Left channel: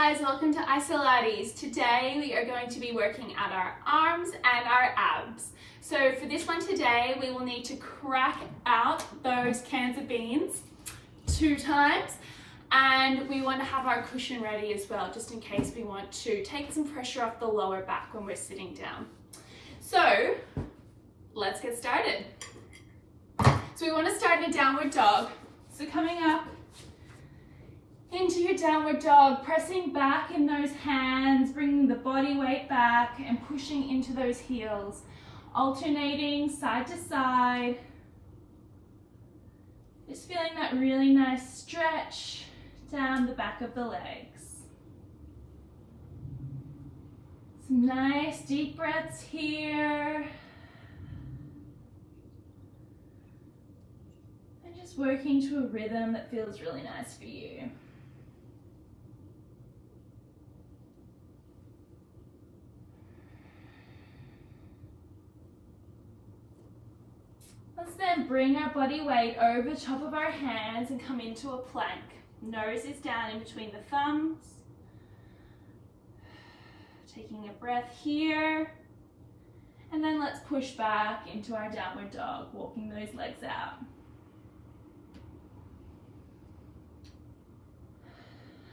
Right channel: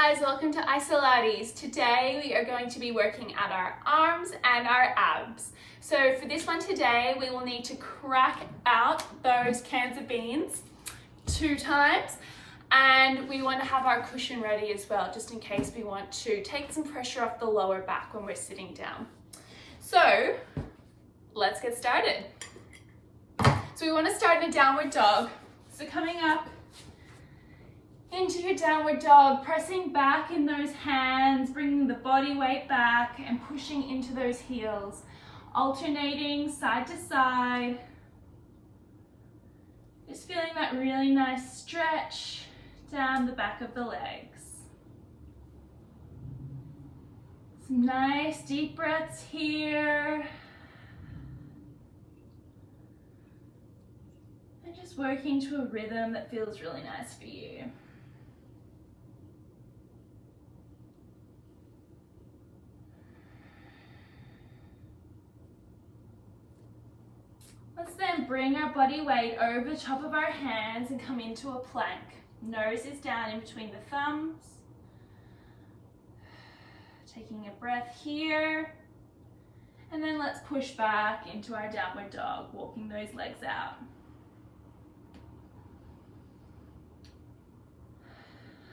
guys, welcome to PILATES. Today we are going to be working at our arms and our abs. So for this one today, we will need to crack out those cans of beans 2 times, and we want to have our cushion ready as well, just in case we want to take some pressure off the lower back when we're sitting down. So let's get started. So we want to start in a downward dog. So coming up into your downward dog, pressing back in those hands, bringing the body weight back and pushing into those heels, alternating side to side. Just feeling that really nice stretch down the back of the legs. Some nice deep breaths here. And just working to a rhythm that feels really nice for you. Let's then bring our body weight over the top of our hands and come into a plank. Nose is down in between the thumbs. Taking a breath here. And then let's push back into our downward dog, walking those legs out.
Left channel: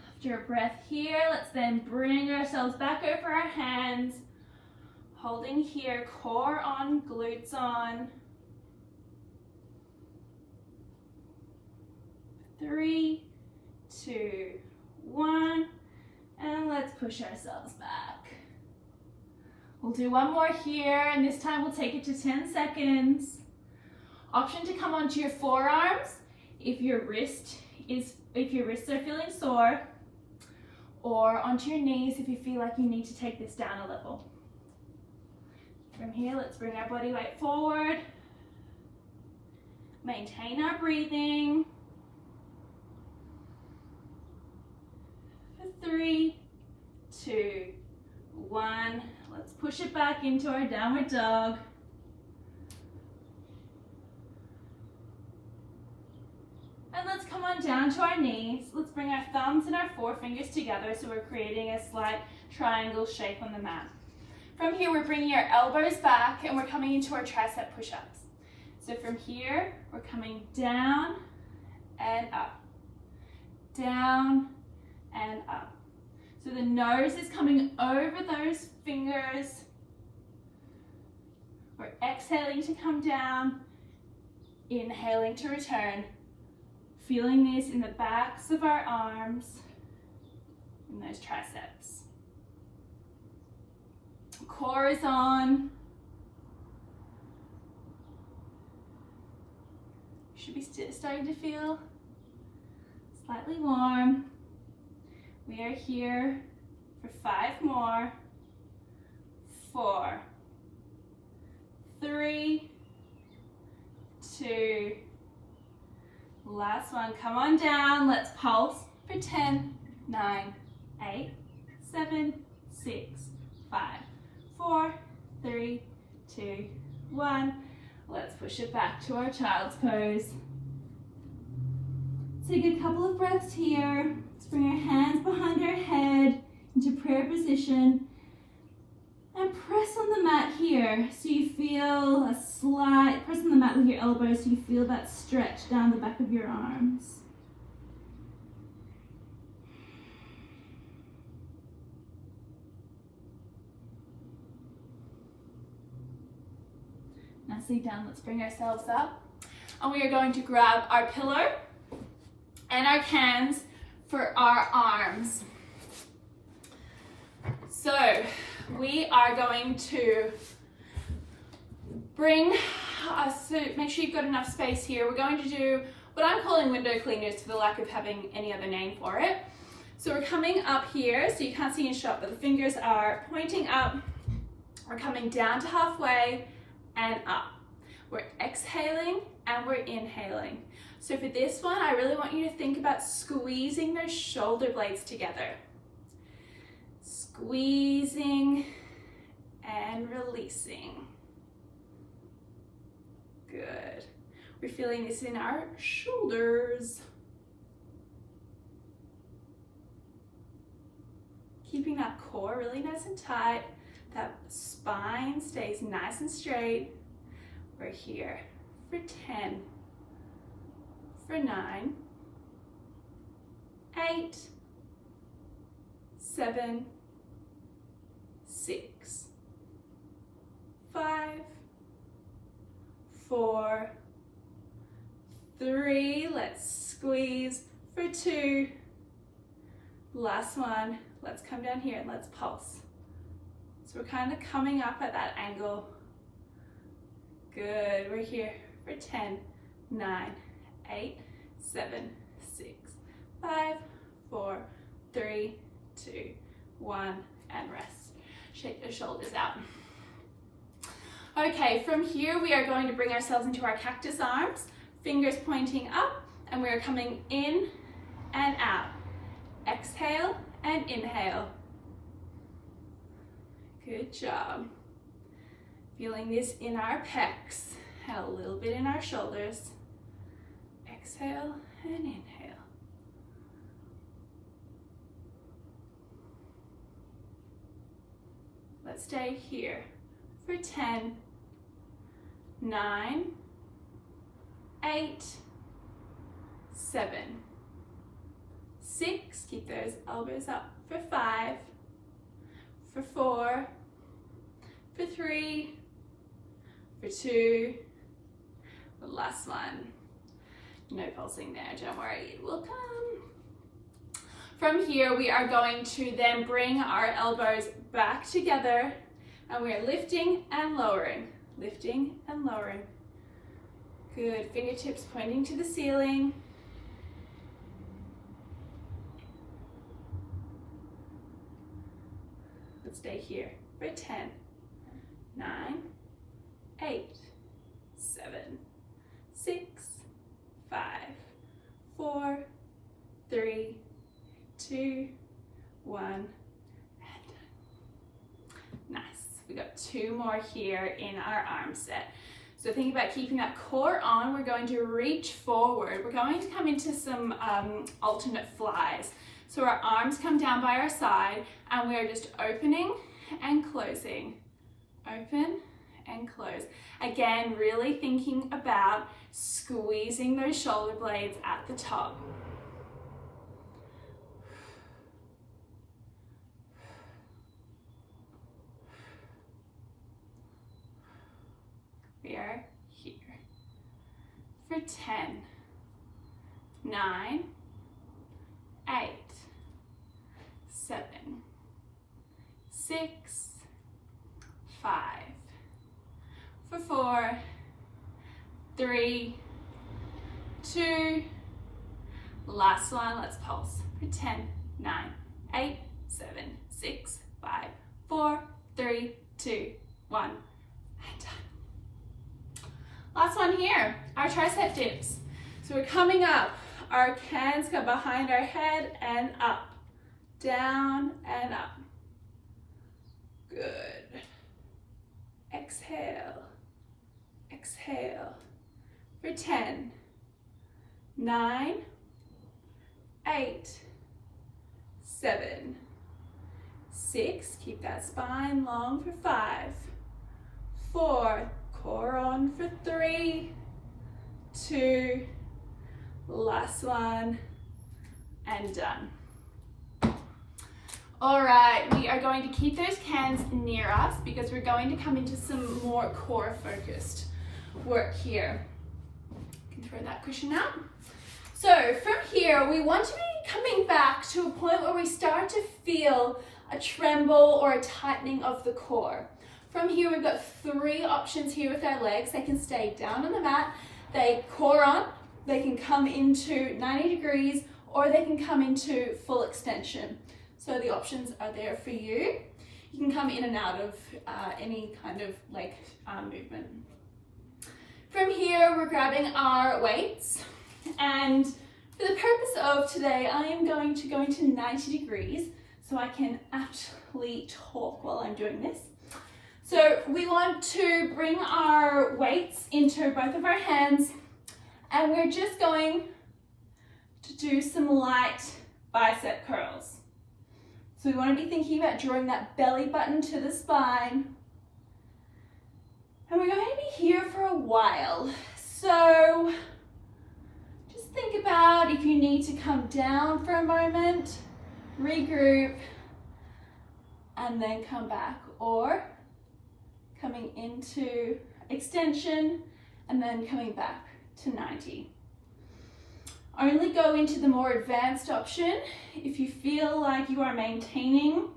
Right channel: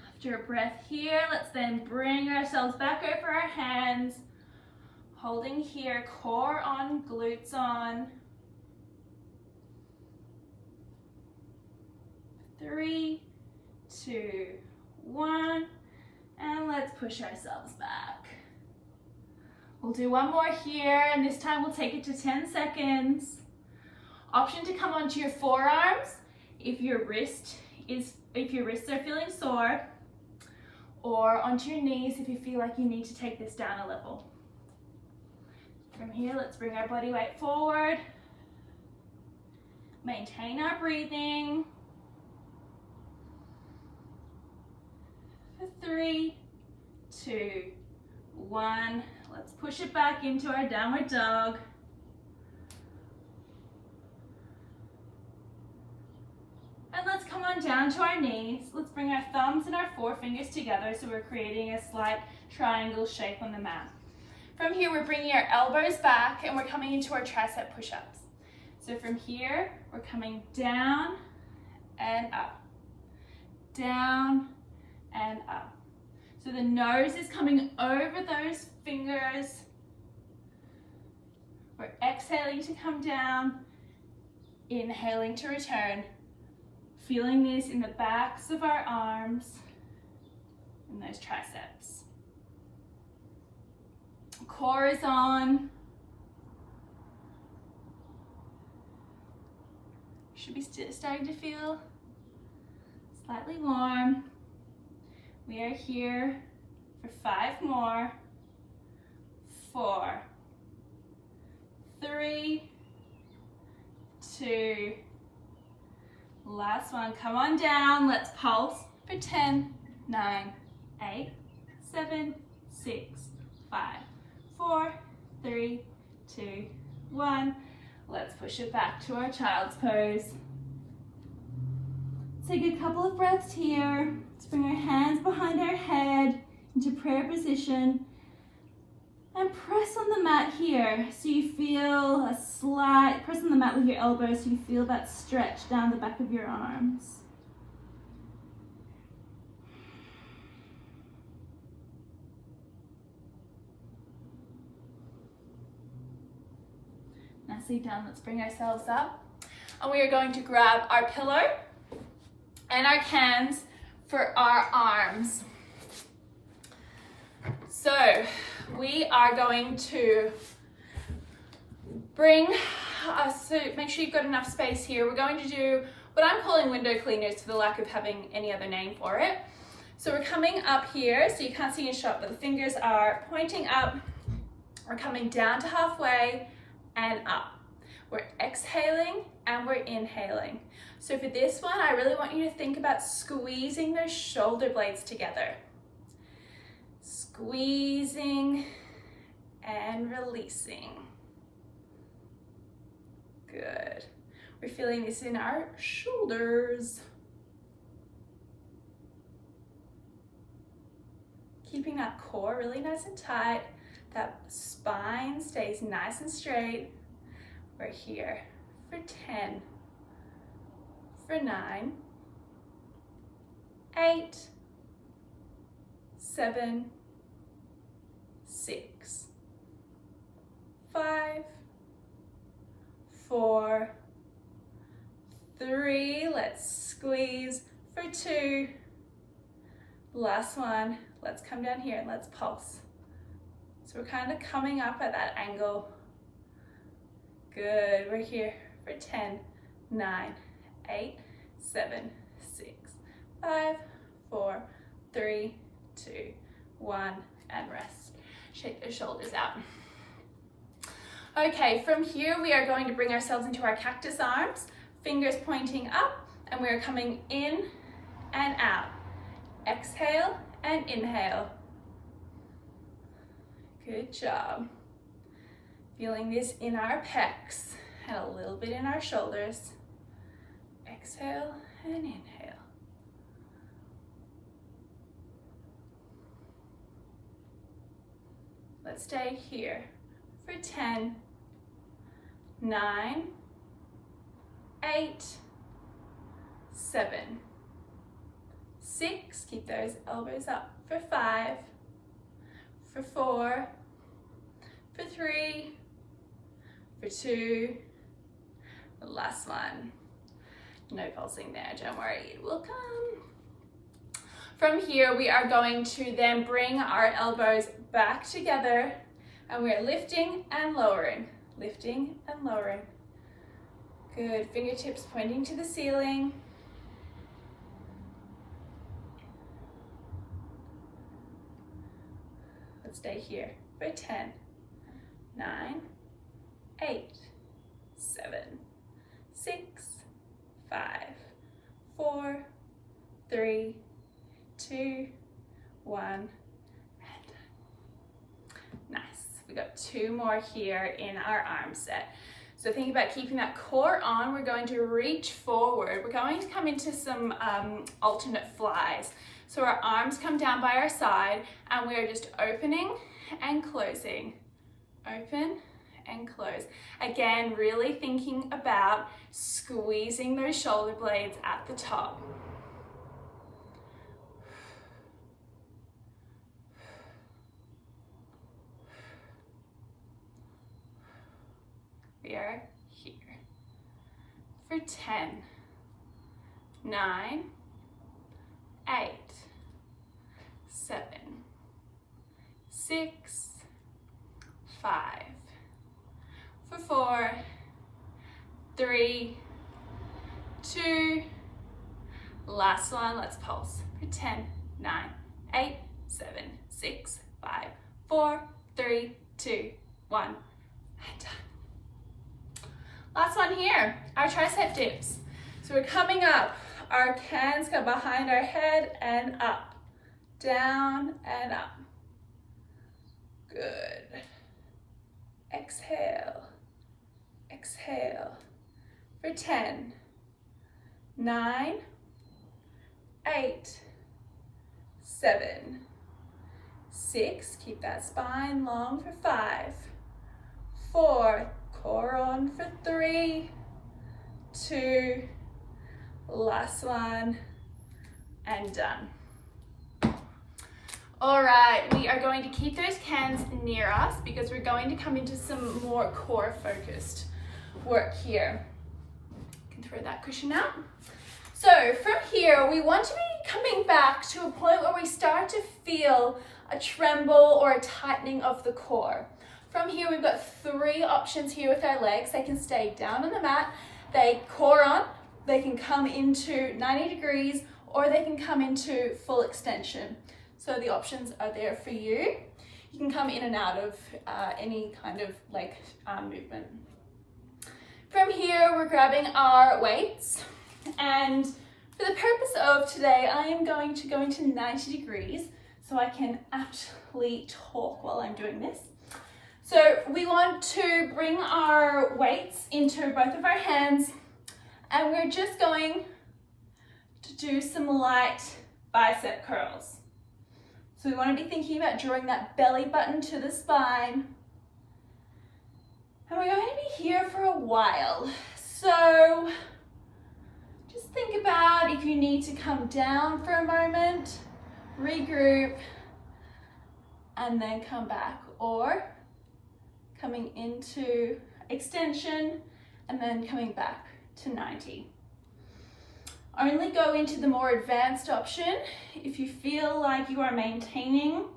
After a breath here, let's then bring ourselves back over our hands, holding here, core on, glutes on. 3, 2, 1, and let's push ourselves back. We'll do one more here, and this time we'll take it to 10 seconds. Option to come onto your forearms if your wrists are feeling sore, or onto your knees if you feel like you need to take this down a level. From here, let's bring our body weight forward. Maintain our breathing. 3, 2, 1. Let's push it back into our downward dog. And let's come on down to our knees. Let's bring our thumbs and our forefingers together so we're creating a slight triangle shape on the mat. From here, we're bringing our elbows back and we're coming into our tricep push-ups. So from here, we're coming down and up, down and up. So the nose is coming over those fingers. We're exhaling to come down, inhaling to return. Feeling this in the backs of our arms and those triceps. Core is on. Should be starting to feel slightly warm. We are here for 5 more. 4, 3, 2, last one. Come on down. Let's pulse for 10, 9, 8, 7, 6, 5, 4, 3, 2, 1. Let's push it back to our child's pose. Take a couple of breaths here. Let's bring our hands behind our head into prayer position and press on the mat here so you feel a slight, press on the mat with your elbows so you feel that stretch down the back of your arms. Nicely done. Let's bring ourselves up and we are going to grab our pillow and our cans for our arms. So we are going to bring us, so make sure you've got enough space here. We're going to do what I'm calling window cleaners for the lack of having any other name for it. So we're coming up here, so you can't see in shot, but the fingers are pointing up. We're coming down to halfway and up. We're exhaling and we're inhaling. So for this one, I really want you to think about squeezing those shoulder blades together. Squeezing and releasing. Good. We're feeling this in our shoulders. keeping that core really nice and tight. That spine stays nice and straight. We're here for 10, for 9, 8, 7, 6, 5, 4, 3, let's squeeze, for 2, last one, let's come down here and let's pulse. So we're kind of coming up at that angle. Good, we're here for 10, 9, 8, 7, 6, 5, 4, 3, 2, 1, and rest. Shake those shoulders out. Okay, from here we are going to bring ourselves into our cactus arms, fingers pointing up, and we are coming in and out. Exhale and inhale. Good job. Feeling this in our pecs and a little bit in our shoulders. Exhale and inhale. Let's stay here for 10, 9, 8, 7, 6, keep those elbows up, for 5, for 4, for 3, for 2, the last one. No pulsing there, don't worry, it will come. From here, we are going to then bring our elbows back together and we're lifting and lowering, lifting and lowering. Good, fingertips pointing to the ceiling. Let's stay here for 10, 9, 8, 7, 6, 5, 4, 3, 2, 1, and nice. We got 2 more here in our arm set. So think about keeping that core on. We're going to reach forward. We're going to come into some alternate flies. So our arms come down by our side and we're just opening and closing. Open and close. Again, really thinking about squeezing those shoulder blades at the top. We are here for 10, 9, 8, 7, 6, 5, for 4, 3, 2, last one, let's pulse for 10, 9, 8, 7, 6, 5, 4, 3, 2, 1, and done. Last one here, our tricep dips. So we're coming up, our hands go behind our head and up, down and up. Good. Exhale, exhale. For 10, 9, 8, 7, 6, keep that spine long for 5, 4, core on for 3, 2, last one, and done. All right, we are going to keep those cans near us because we're going to come into some more core focused work here. You can throw that cushion out. So from here, we want to be coming back to a point where we start to feel a tremble or a tightening of the core. From here, we've got 3 options here with our legs. They can stay down on the mat, they core on, they can come into 90 degrees, or they can come into full extension. So the options are there for you. You can come in and out of any kind of leg movement. From here, we're grabbing our weights, and for the purpose of today, I am going to go into 90 degrees so I can actually talk while I'm doing this. So we want to bring our weights into both of our hands, and we're just going to do some light bicep curls. So we want to be thinking about drawing that belly button to the spine. And we're going to be here for a while. So just think about if you need to come down for a moment, regroup, and then come back, or coming into extension and then coming back to 90. Only go into the more advanced option if you feel like you are maintaining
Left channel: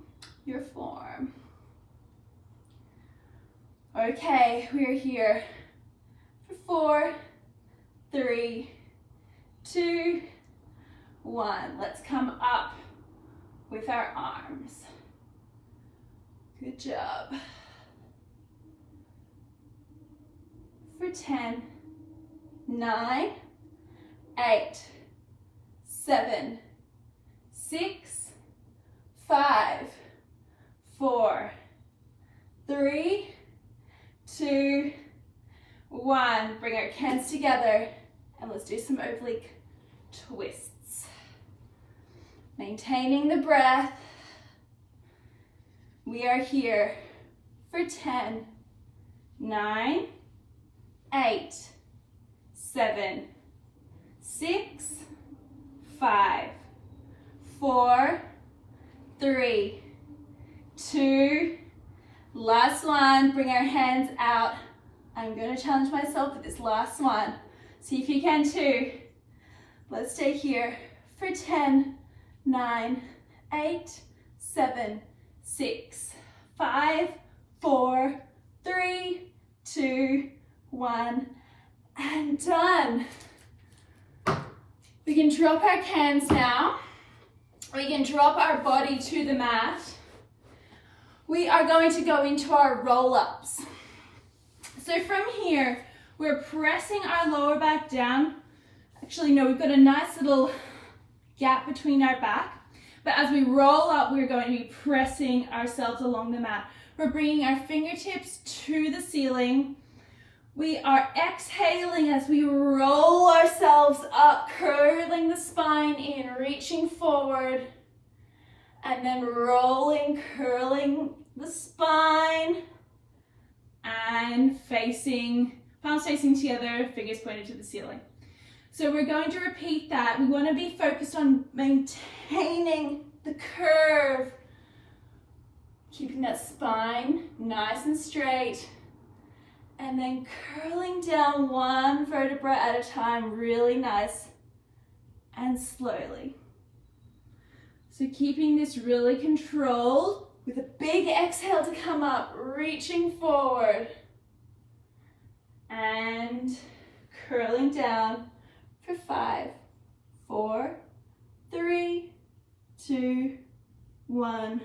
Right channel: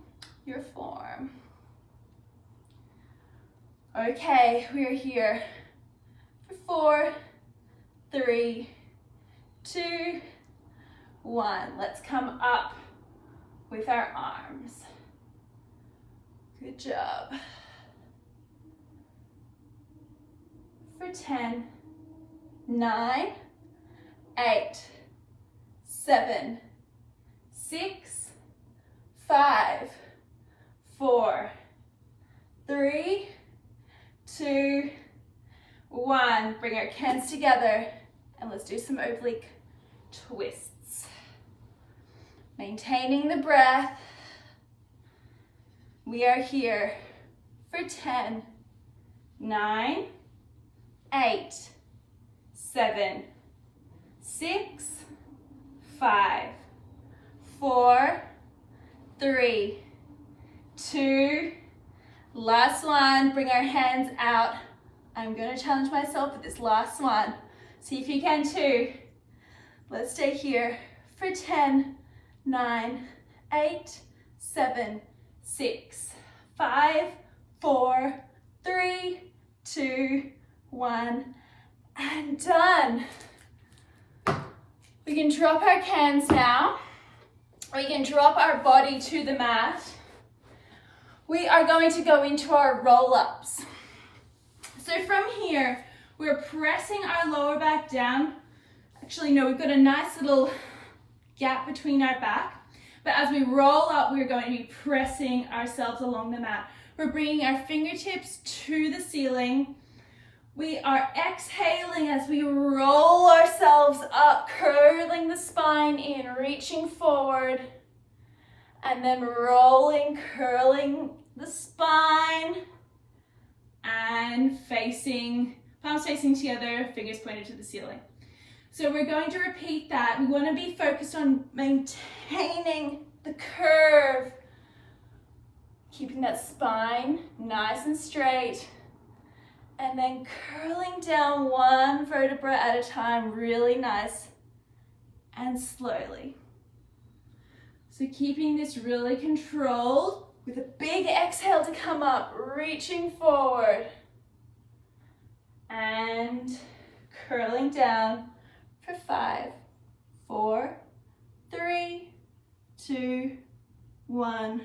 your form. Okay, we are here for 4, 3, 2, 1. Let's come up with our arms. Good job. For 10, 9, 8, 7, 6, 5, 4, 3, 2, 1. Bring our hands together and let's do some oblique twists. Maintaining the breath. We are here for 10, 9, 8, 7, 6, 5, 4, 3, 2, last one. Bring our hands out. I'm going to challenge myself with this last one. See if you can too. Let's stay here for 10, 9, 8, 7, 6, 5, 4, 3, 2, 1, and done. We can drop our hands now. We can drop our body to the mat. We are going to go into our roll-ups. So from here, we're pressing our lower back down. Actually, no, we've got a nice little gap between our back. But as we roll up, we're going to be pressing ourselves along the mat. We're bringing our fingertips to the ceiling. We are exhaling as we roll ourselves up, curling the spine in, reaching forward, and then rolling, curling the spine, and facing, palms facing together, fingers pointed to the ceiling. So we're going to repeat that. We want to be focused on maintaining the curve, keeping that spine nice and straight, and then curling down one vertebra at a time, really nice and slowly. So keeping this really controlled with a big exhale to come up, reaching forward and curling down for 5, 4, 3, 2, 1,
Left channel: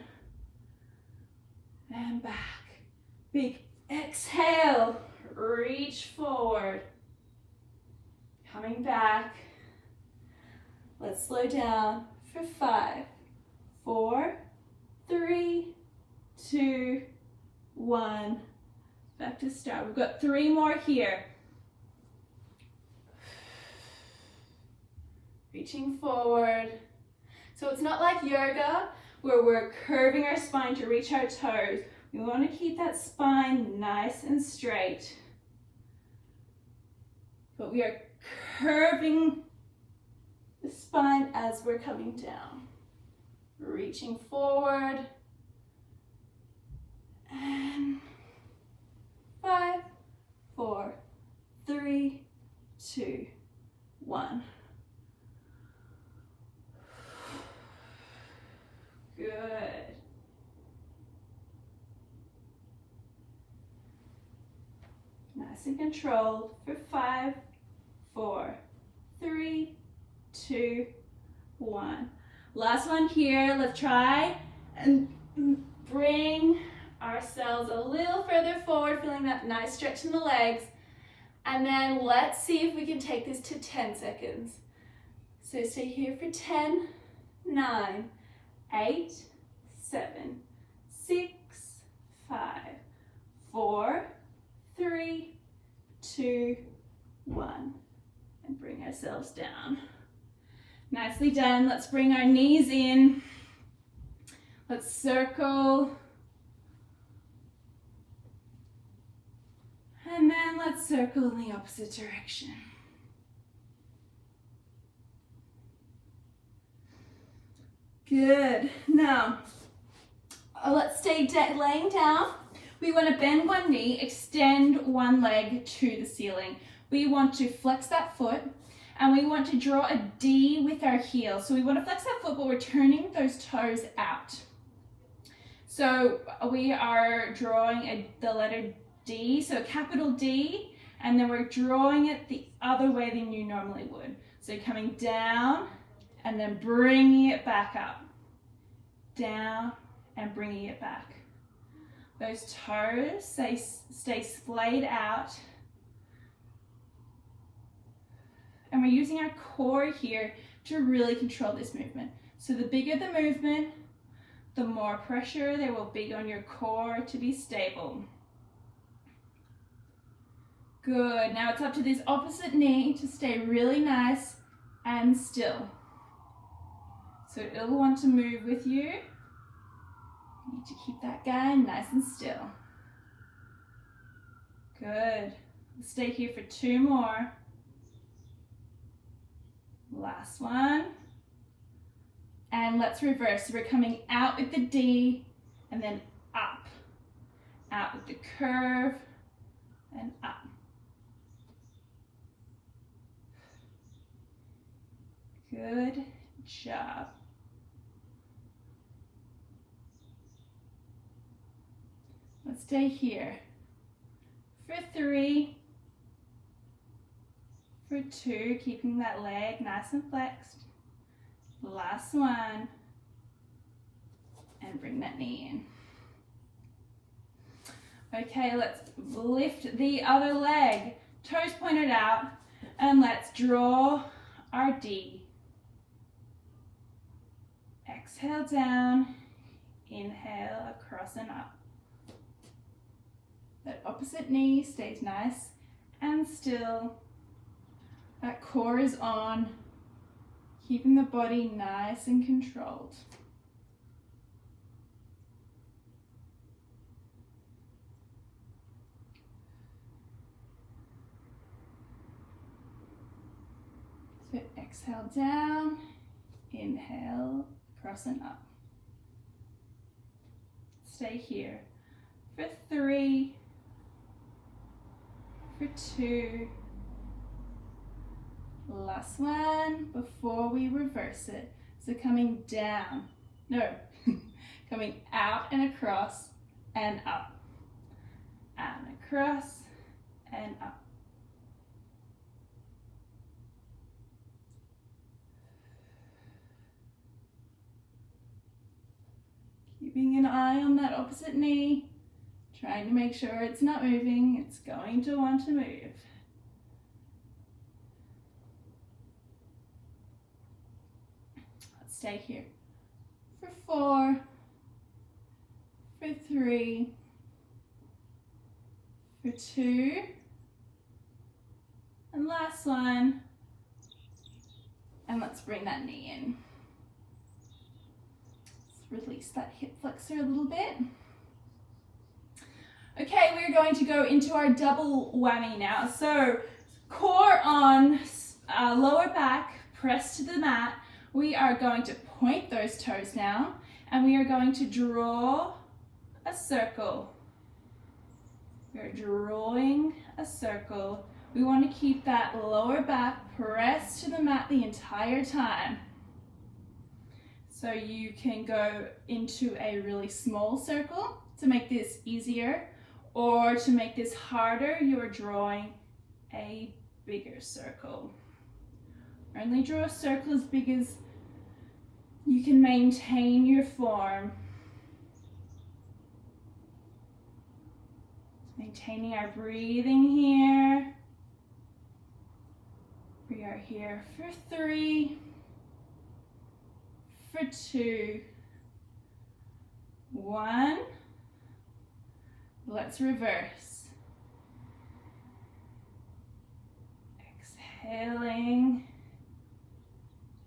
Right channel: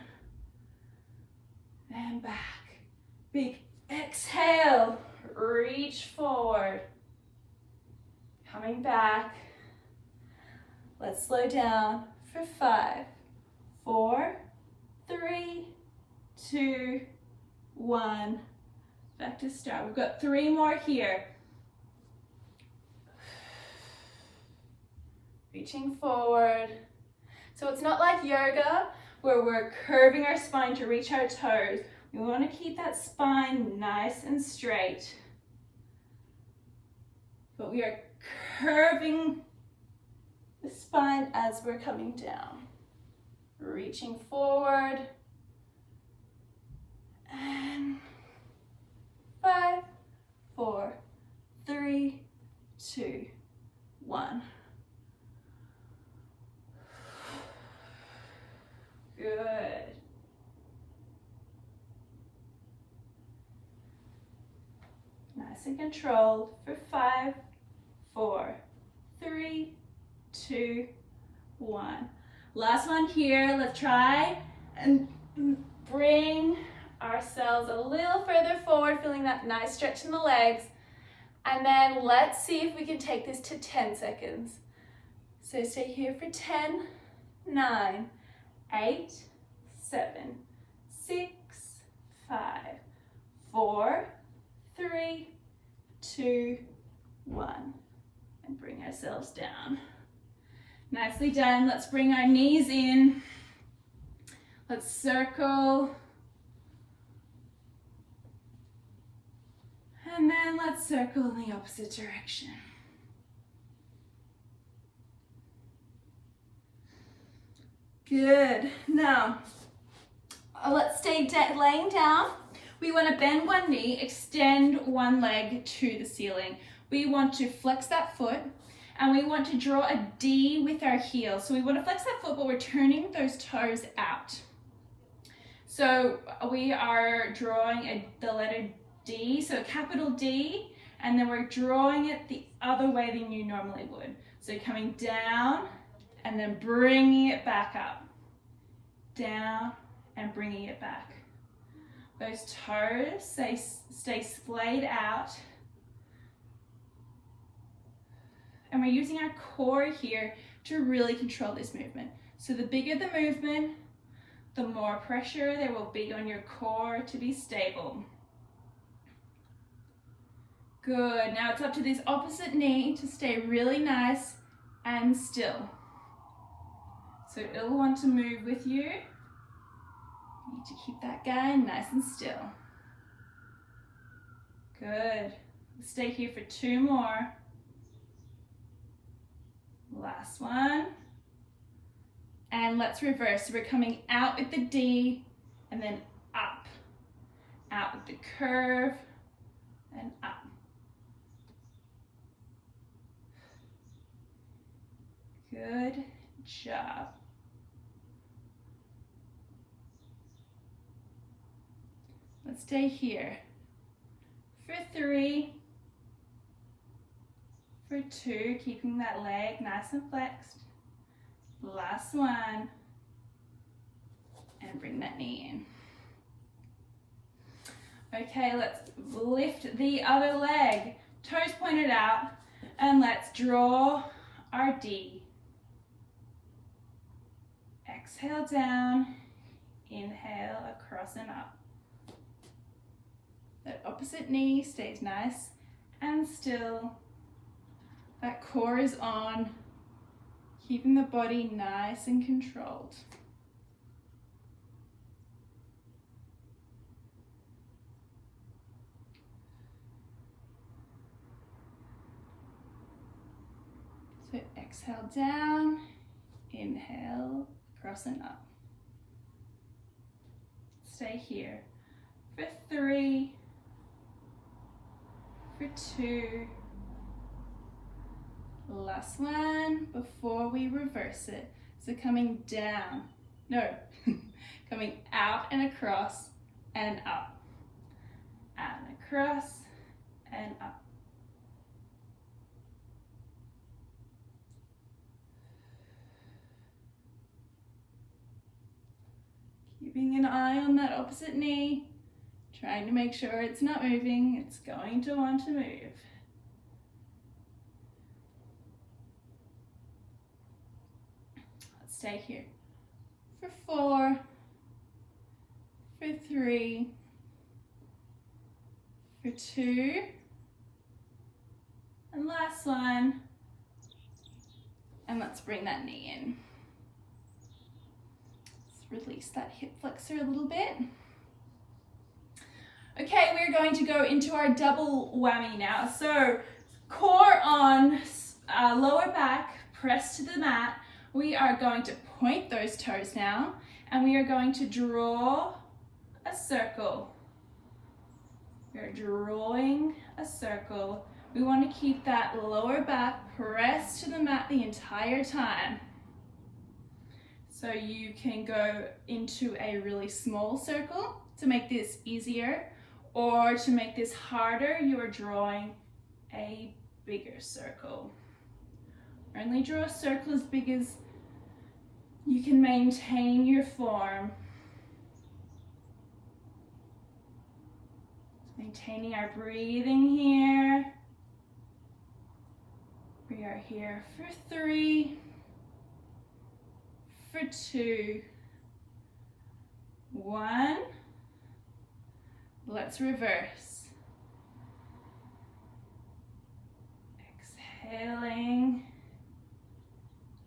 and back. Big exhale, reach forward, coming back. Let's slow down for 5, 4, 3, 2, 1. Back to start. We've got 3 more here. Reaching forward. So it's not like yoga where we're curving our spine to reach our toes. We want to keep that spine nice and straight. But we are curving the spine as we're coming down. Reaching forward. And 5, 4, 3, 2, 1. Good. Nice and controlled for 5, 4, 3, 2, 1. Last one here. Let's try and bring ourselves a little further forward, feeling that nice stretch in the legs. And then let's see if we can take this to 10 seconds. So stay here for 10, 9, 8, 7, 6, 5, 4, 3, 2, 1. And bring ourselves down. Nicely done. Let's bring our knees in. Let's circle. And then let's circle in the opposite direction. Good. Now, let's stay laying down. We want to bend one knee, extend one leg to the ceiling. We want to flex that foot, and we want to draw a D with our heel. So we want to flex that foot, but we're turning those toes out. So we are drawing the letter D, so capital D, and then we're drawing it the other way than you normally would. So coming down and then bringing it back up. Down and bringing it back. Those toes stay splayed out. And we're using our core here to really control this movement. So the bigger the movement, the more pressure there will be on your core to be stable. Good. Now it's up to this opposite knee to stay really nice and still. So it'll want to move with you. You need to keep that guy nice and still. Good. Stay here for 2 more. Last one. And let's reverse. So we're coming out with the D and then up. Out with the curve and up. Good job. Let's stay here for 3, for 2, keeping that leg nice and flexed. Last one, and bring that knee in. Okay, let's lift the other leg, toes pointed out, and let's draw our D. Exhale down, inhale across and up. That opposite knee stays nice and still. That core is on, keeping the body nice and controlled. So exhale down, inhale, across and up. Stay here for 3, for 2, last one before we reverse it. So coming down, no, coming out and across and up, and across and up. Keeping an eye on that opposite knee, trying to make sure it's not moving. It's going to want to move. Let's stay here for 4, for 3, for 2, and last one. And let's bring that knee in. Release that hip flexor a little bit. Okay, we're going to go into our double whammy now. So core on, lower back, press to the mat. We are going to point those toes now, and we are going to draw a circle. We're drawing a circle. We want to keep that lower back pressed to the mat the entire time. So you can go into a really small circle to make this easier, or to make this harder, you are drawing a bigger circle. Only draw a circle as big as you can maintain your form. Maintaining our breathing here. We are here for 3, for 2, 1. Let's reverse. Exhaling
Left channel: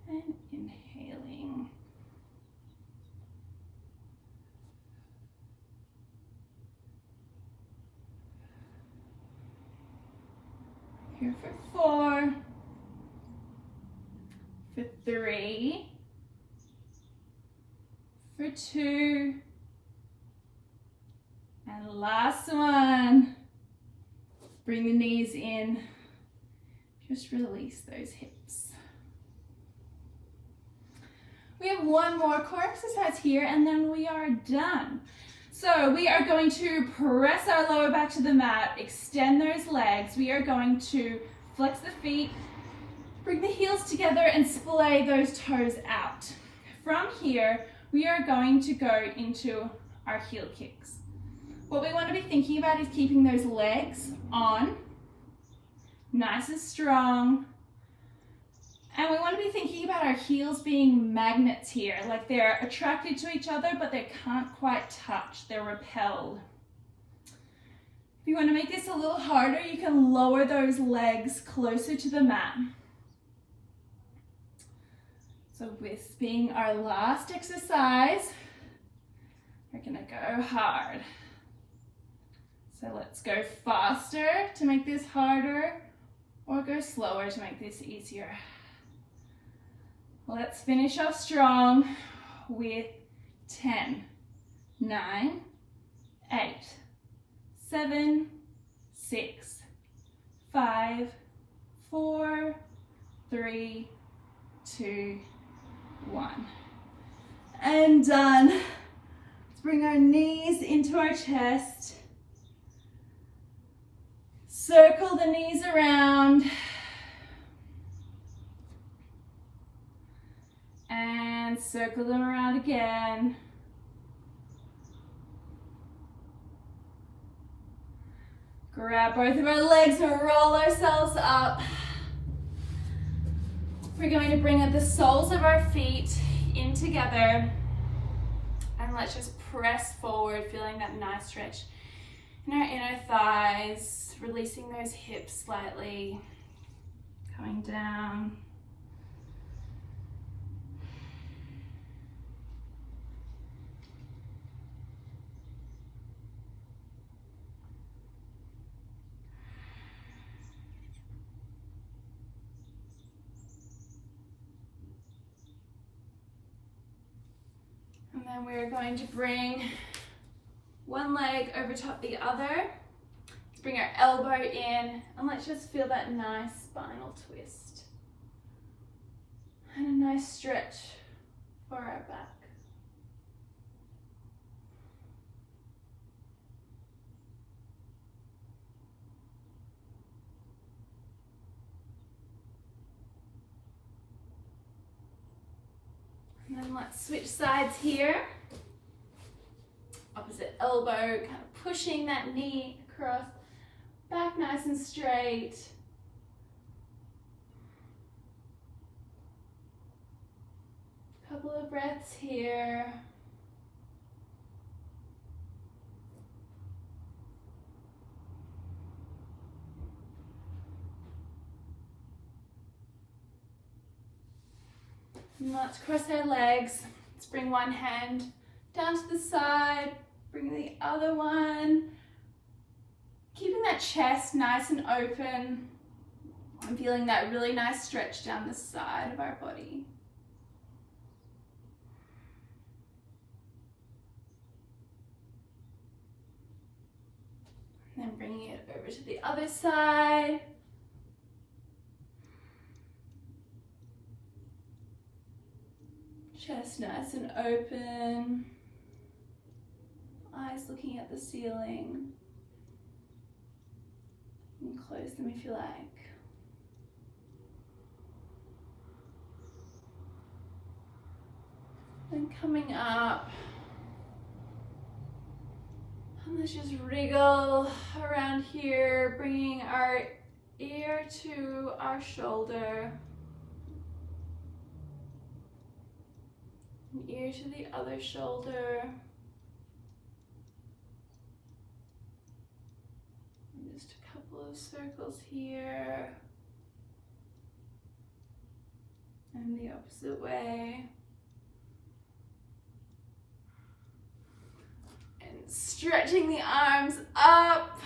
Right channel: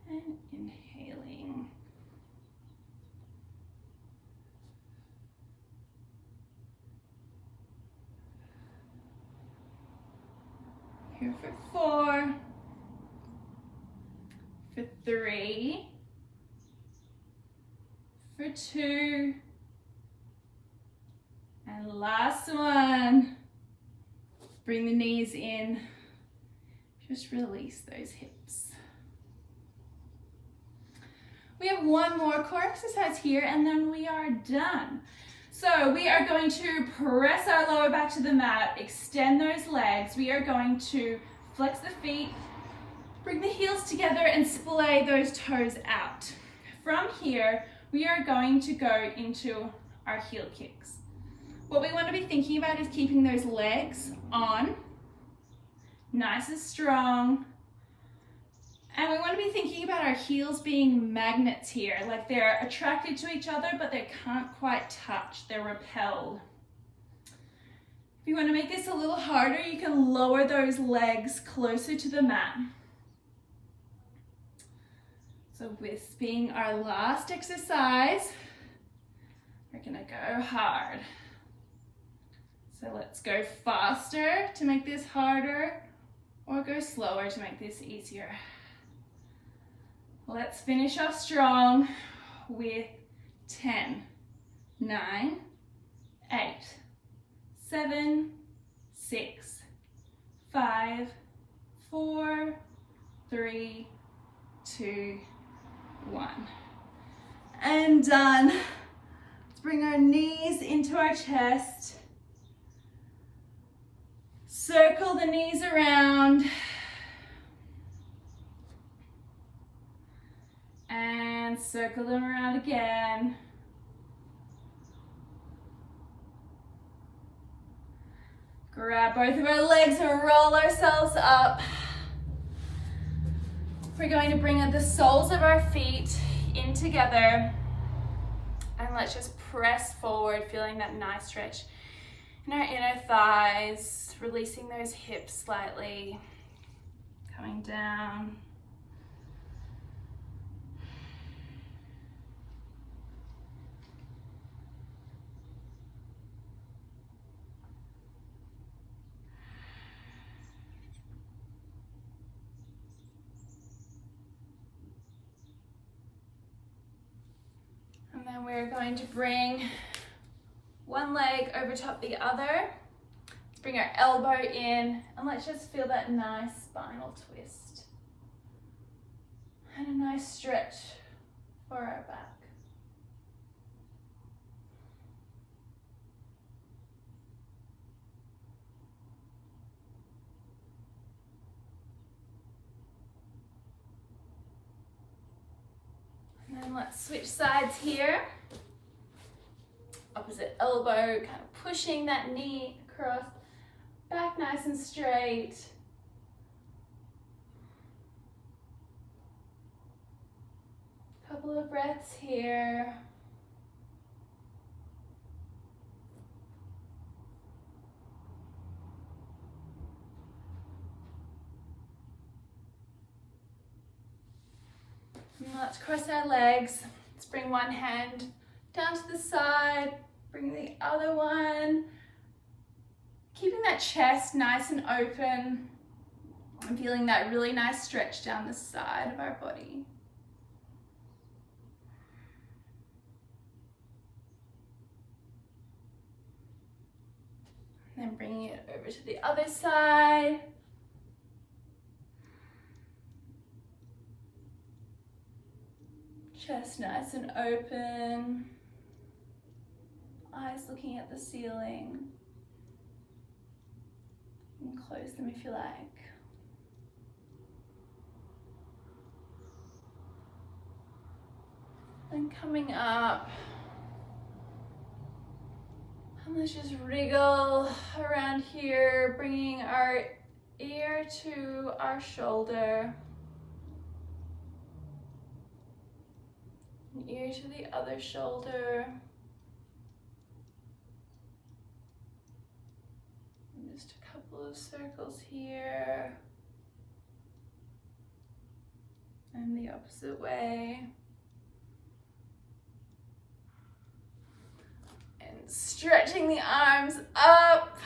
and inhaling. Here for 4, for 3, for 2, and last one. Bring the knees in. Just release those hips. We have one more core exercise here and then we are done. So we are going to press our lower back to the mat, extend those legs. We are going to flex the feet, bring the heels together and splay those toes out. From here, we are going to go into our heel kicks. What we want to be thinking about is keeping those legs on, nice and strong. And we want to be thinking about our heels being magnets here, like they're attracted to each other, but they can't quite touch, they're repelled. If you want to make this a little harder, you can lower those legs closer to the mat. So this being our last exercise, we're gonna go hard. So let's go faster to make this harder, or go slower to make this easier. Let's finish off strong with 10, 9, 8, 7, 6, 5, 4, 3, 2, 1. And done. Let's bring our knees into our chest. Circle the knees around. And circle them around again. Grab both of our legs and roll ourselves up. We're going to bring the soles of our feet in together. And let's just press forward, feeling that nice stretch in our inner thighs, releasing those hips slightly, coming down. And then we're going to bring one leg over top the other. Let's bring our elbow in and let's just feel that nice spinal twist. And a nice stretch for our back. And then let's switch sides here. Opposite elbow, kind of pushing that knee across, back nice and straight. Couple of breaths here. And let's cross our legs. Let's bring one hand down to the side, bring the other one. Keeping that chest nice and open. I'm feeling that really nice stretch down the side of our body. And then bringing it over to the other side. Chest nice and open. Eyes looking at the ceiling. You can close them if you like. Then coming up. And let's just wriggle around here, bringing our ear to our shoulder. An ear to the other shoulder. And just a couple of circles here. And the opposite way. Stretching the arms up,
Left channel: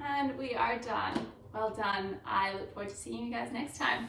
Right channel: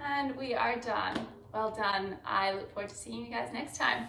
and we are done. Well done. I look forward to seeing you guys next time.